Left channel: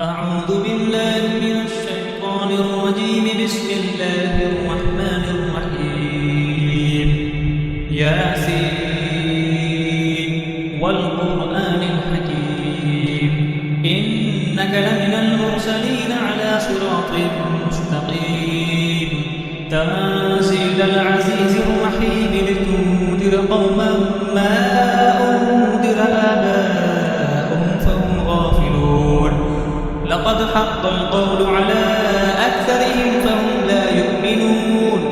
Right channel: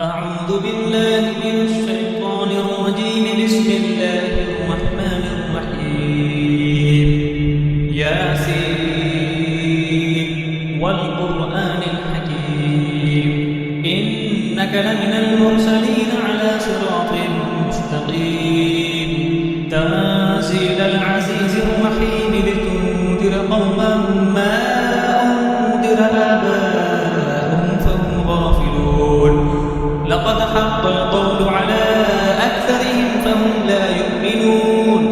أعوذ بالله من الشيطان الرجيم. بسم الله الرحمن الرحيم. ياسين والقرآن الحكيم إنك لمن المرسلين على صراط مستقيم تنزيل العزيز الرحيم لتنذر قوما ما أنذر آباؤهم فهم غافلون. لقد حق القول على أكثرهم فهم لا يؤمنون.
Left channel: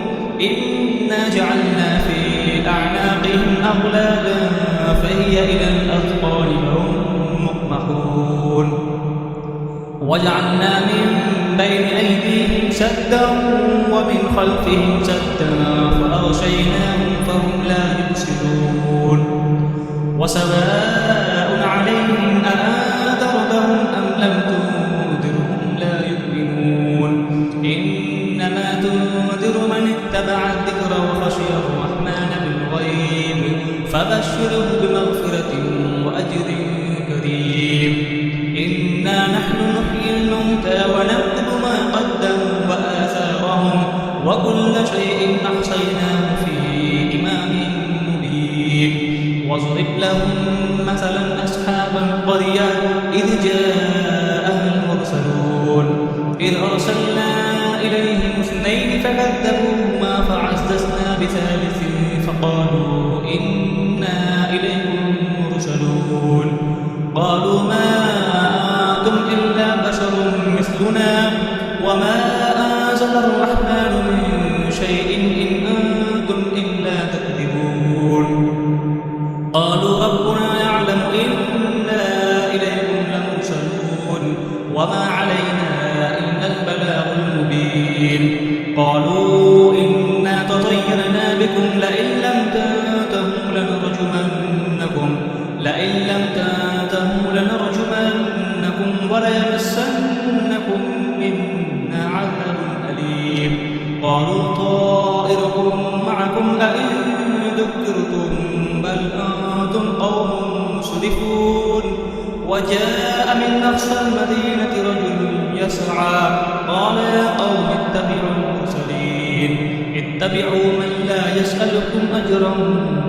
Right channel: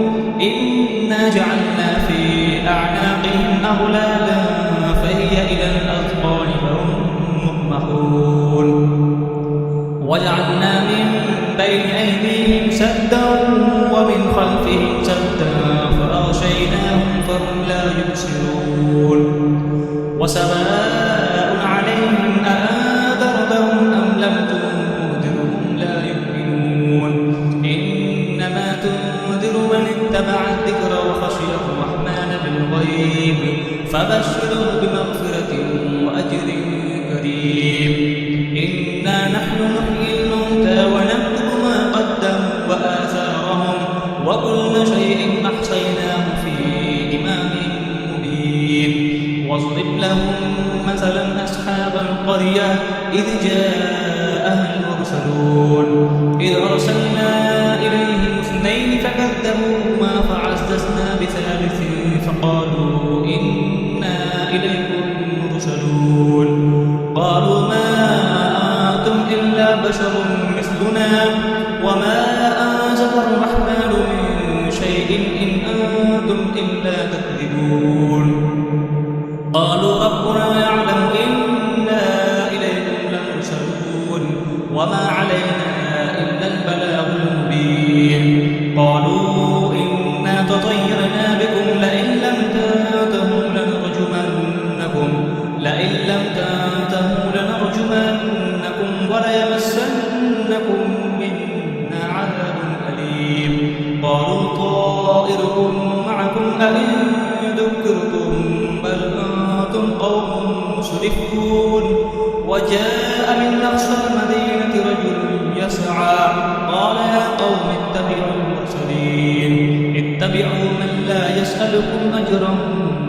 إنا جعلنا في أعناقهم أغلالا فهي إلى الأذقان فهم مقمحون. وجعلنا من بين أيديهم سدا ومن خلفهم سدا فأغشيناهم فهم لا يبصرون. وسواء عليهم أأنذرتهم أم لم تنذرهم لا يؤمنون. إنما تنذر من اتبع الذكر وخشي الرحمن بالغيب فبشره بمغفرة وأجر كريم. إنا نحن نحيي الموتى ونكتب ما قدموا وآثارهم وكل شيء أحصيناه في إمام مبين. واضرب لهم مثلا أصحاب القرية إذ جاءها المرسلون إذ أرسلنا إليهم اثنين فكذبوهما فعززنا بثالث فقالوا إنا إليكم مرسلون. قالوا ما أنتم إلا بشر مثلنا وما أنزل الرحمن من شيء إن أنتم إلا تكذبون. قالوا ربنا يعلم إنا إليكم لمرسلون وما علينا إلا البلاغ المبين. قالوا إنا تطيرنا بكم لئن لم تنتهوا لنرجمنكم وليمسنكم منا عذاب أليم. قالوا طائركم معكم أئن ذكرتم بل أنتم قوم مسرفون. وجاء من أقصى المدينة رجل يسعى قال يا قوم اتبعوا المرسلين اتبعوا من لا يسألكم أجرا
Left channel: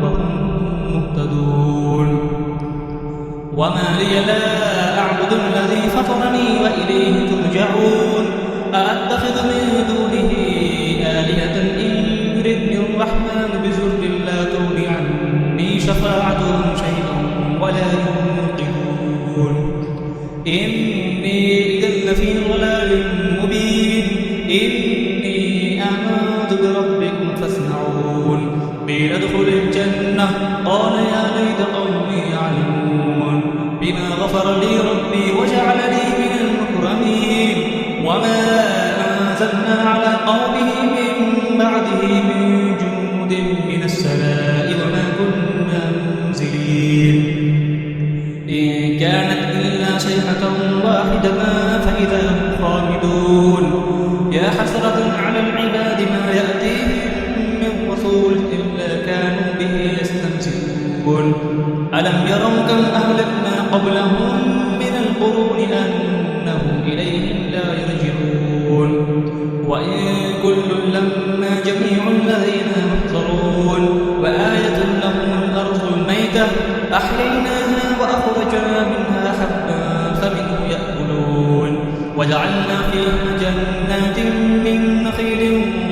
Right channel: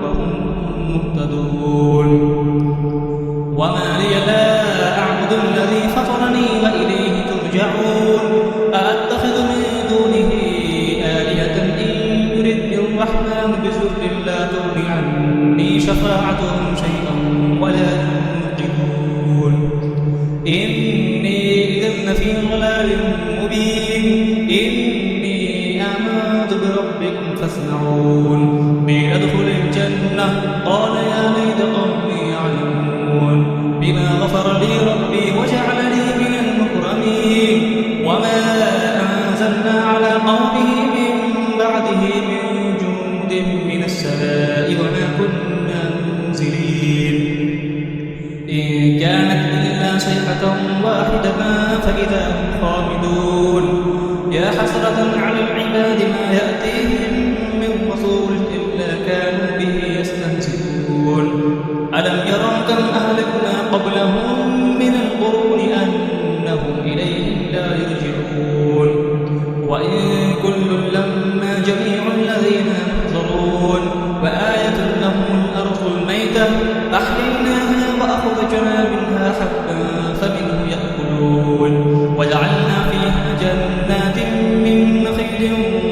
وهم مهتدون. وما لي لا أعبد الذي فطرني وإليه ترجعون. أأتخذ من دونه آلهة إن يردني الرحمن بضر لا تغن عني شفاعتهم شيئا ولا ينقذون. إني إذا لفي ضلال مبين. إني آمنت بربكم فاسمعون. قيل ادخل الجنة قال يا ليت قومي يعلمون بما غفر لي ربي وجعلني من المكرمين. وما أنزلنا على قومه من بعده من جند من السماء وما كنا منزلين. إن كانت إلا صيحة واحدة فإذا هم خامدون. يا حسرة على العباد ما يأتيهم من رسول إلا كانوا به يستهزئون. ألم يروا كم أهلكنا قبلهم من القرون أنهم إليهم لا يرجعون. وإن كل لما جميع الذين محضرون. وآية لهم الأرض الميتة أحييناها وأخرجنا منها حبا فمنه يأكلون. وجعلنا فيها جنات من نخيل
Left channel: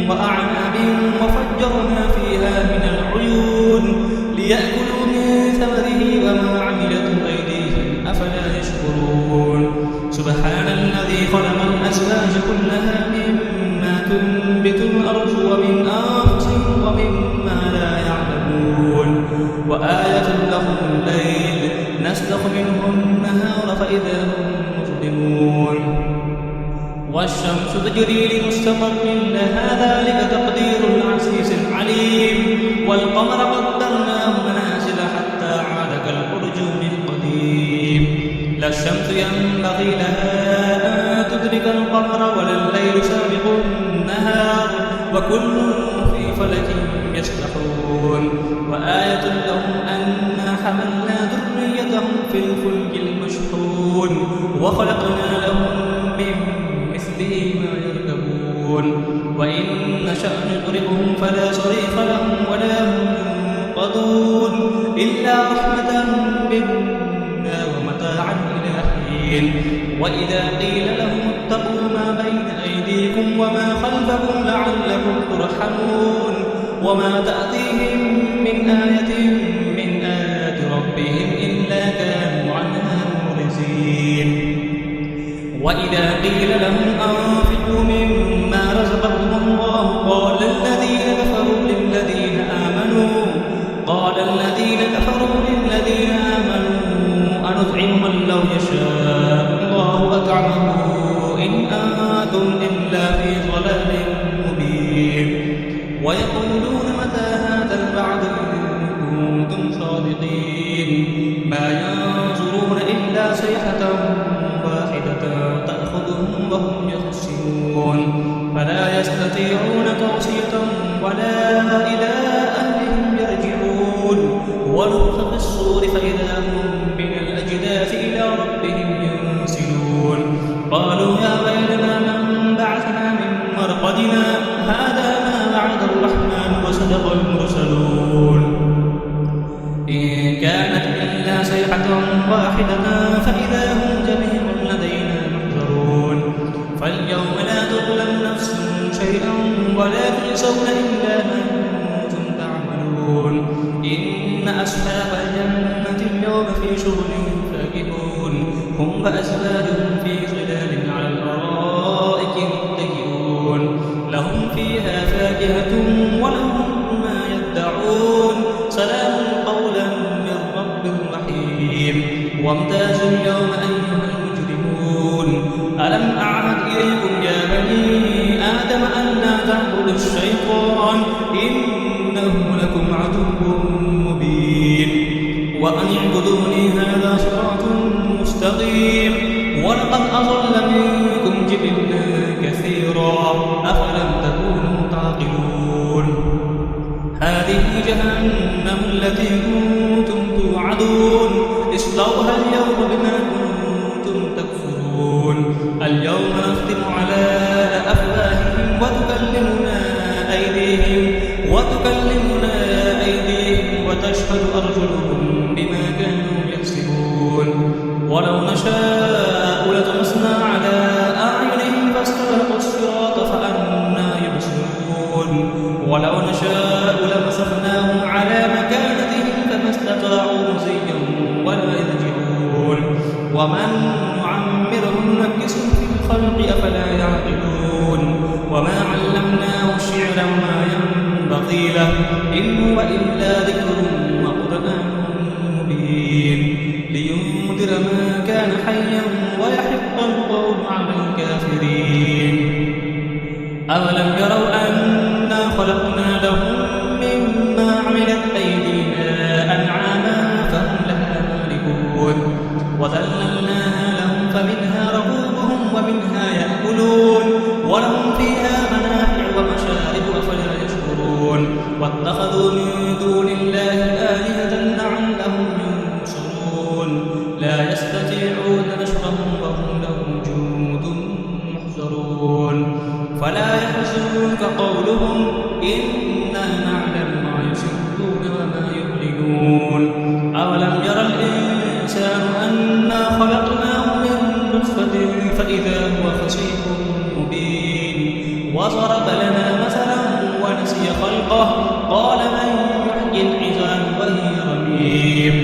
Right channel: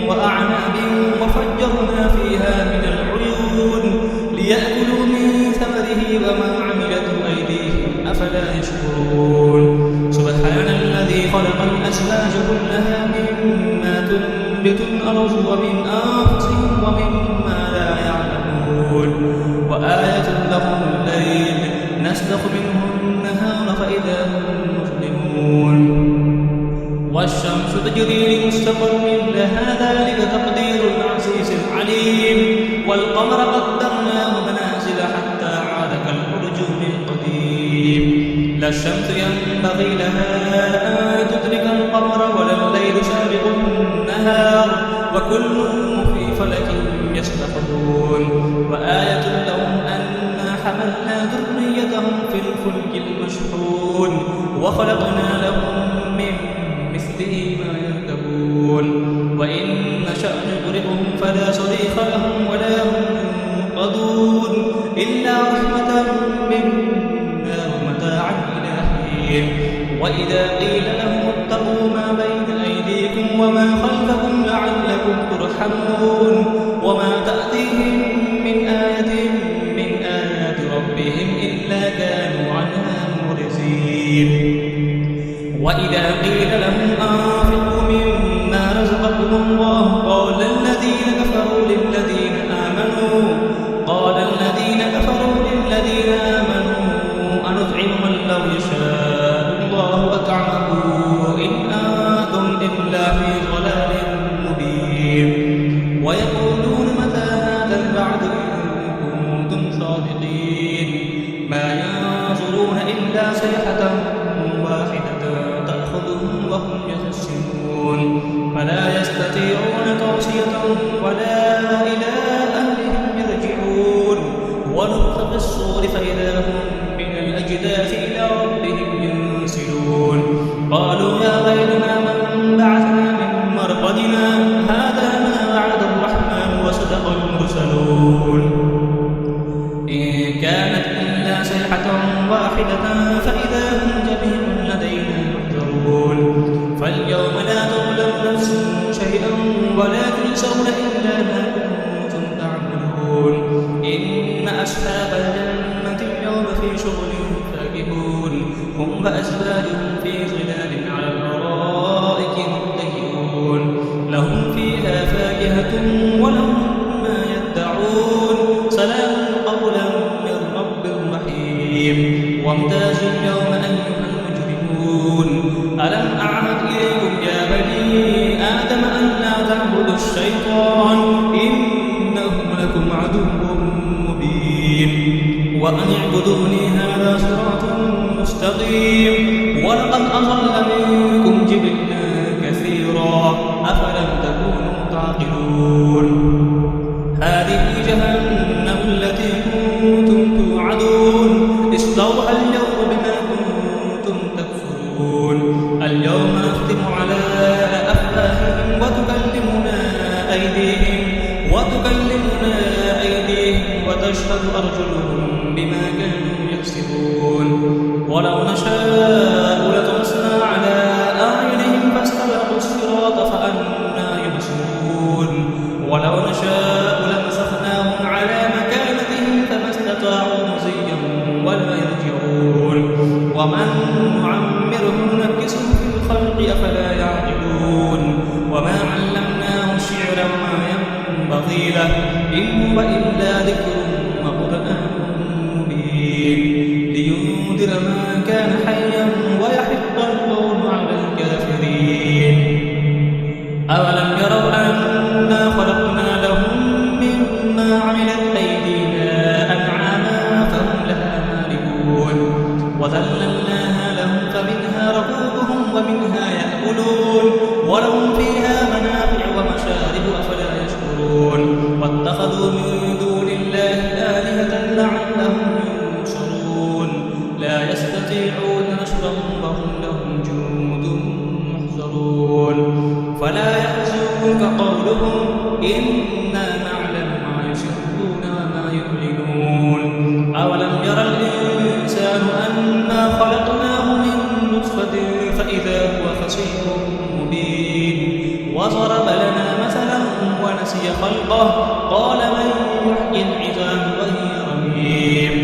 وأعناب وفجرنا فيها من العيون ليأكلوا من ثمره وما عملته أيديهم أفلا يشكرون. سبحان الذي خلق الأزواج كلها مما تنبت الأرض ومن أنفسهم ومما لا يعلمون. وآية لهم الليل نسلخ منه النهار فإذا هم مظلمون. والشمس تجري لمستقر لها ذلك تقدير العزيز العليم. والقمر قدرناه منازل حتى عاد كالأرجون القديم. لا الشمس ينبغي لها أن تدرك القمر ولا الليل سابق النهار وكل في فلك يسبحون. وآية لهم أنا حملنا ذريتهم في الفلك المشحون وخلقنا لهم تغرقهم فلا صريخ لهم ولا هم ينقذون إلا رحمة منا ومتاعا إلى حين. وإذا قيل لهم اتقوا ما بين أيديكم وما خلفكم لعلكم ترحمون وما تأتيهم من آية من آيات ربهم إلا كانوا عنها معرضين. وإذا قيل لهم أنفقوا مما رزقكم الله قال الذين كفروا للذين آمنوا أنطعم من لو يشاء الله أطعمه إن أنتم إلا في ضلال مبين. ويقولون متى هذا الوعد إن كنتم صادقين ما ينظرون إلا صيحة واحدة تأخذهم وهم يخسرون فلا يستطيعون توصية ولا إلى أهلهم يرجعون. ونفخ في الصور فإذا هم من الأجداث إلى ربهم ينسلون قالوا يا ويلنا من بعثنا من مرقدنا هذا ما وعد الرحمن وصدق المرسلون إن كانت إلا صيحة واحدة فإذا هم جميع لدينا محضرون. فاليوم لا تظلم نفس شيئا ولا تجزون إلا ما كنتم تعملون. إن أصحاب الجنة اليوم في شغل فاكهون هم وأزواجهم في ظلال على الأرائك متكئون لهم فيها فاكهة ولهم ما يدعون سلام قولا من رب رحيم. وامتازوا اليوم أيها المجرمون ألم أعهد إليكم يا بني آدم أن لا تعبدوا الشيطان إنه لكم عدو مبين. وأن اعبدوني هذا صراط مستقيم. ولقد أضل منكم جبلا كثيرا أفلم تكونوا تعقلون. هذه جهنم التي كنتم توعدون اصلوها اليوم بما كنتم تكفرون. اليوم نختم على أفواههم وتكلمنا أيديهم وتشهد أرجلهم بما كانوا يكسبون. ولو نشاء لطمسنا على أعينهم فاستبقوا الصراط فأنى يبصرون. ولو نشاء لمسخناهم على مكانتهم فما استطاعوا مزيا ولا يرجعون. ومن نعمره ننكسه في الخلق أفلا يعقلون. وما علمناه الشعر وما ينبغي له إن هو إلا ذكر وقرآن مبين لينذر ما كان حيا ويحق القول على الكافرين. أولم يروا أنا خلقنا لهم مما عملت أيدينا أنعاما فهم لها مالكون وذللناها لهم فمنها ركوبهم ومنها يأكلون ولهم فيها منافع ومشارب أفلا يشكرون. واتخذوا من دون الله آلهة لعلهم ينصرون لا يستطيعون نصرهم وهم لهم جند محضرون. فلا يحزنك قولهم إنا نعلم ما يسرون وما يعلنون. أولم يرى الإنسان أنا خلقناه من نطفة فإذا هو خصيم مبين. وضرب لنا مثلا ونسي خلقه قال من يحيي العظام وهي رميم.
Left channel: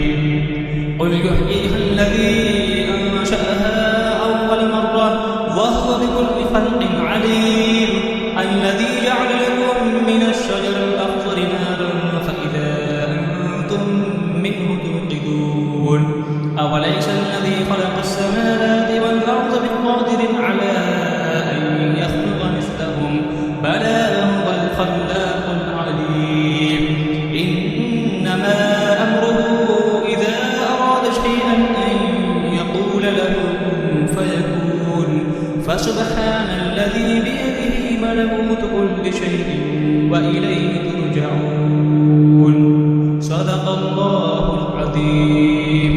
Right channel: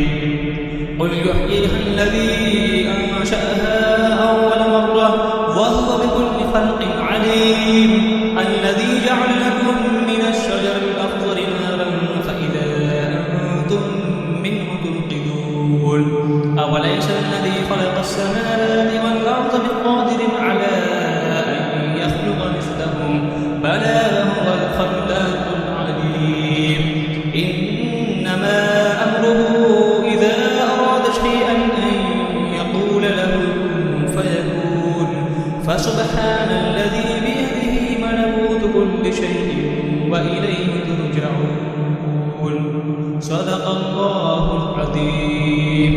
قل يحييها الذي أنشأها أول مرة وهو بكل خلق عليم. الذي جعل لكم من الشجر الأخضر نارا فإذا أنتم منه توقدون. أوليس الذي خلق السماوات والأرض بقادر على أن يخلق مثلهم بلى وهو الخلاق العليم. إنما أمره إذا أراد شيئا أن يقول له كن فيكون. فسبحان الذي بيده ملكوت كل شيء وإليه ترجعون. صدق الله العظيم.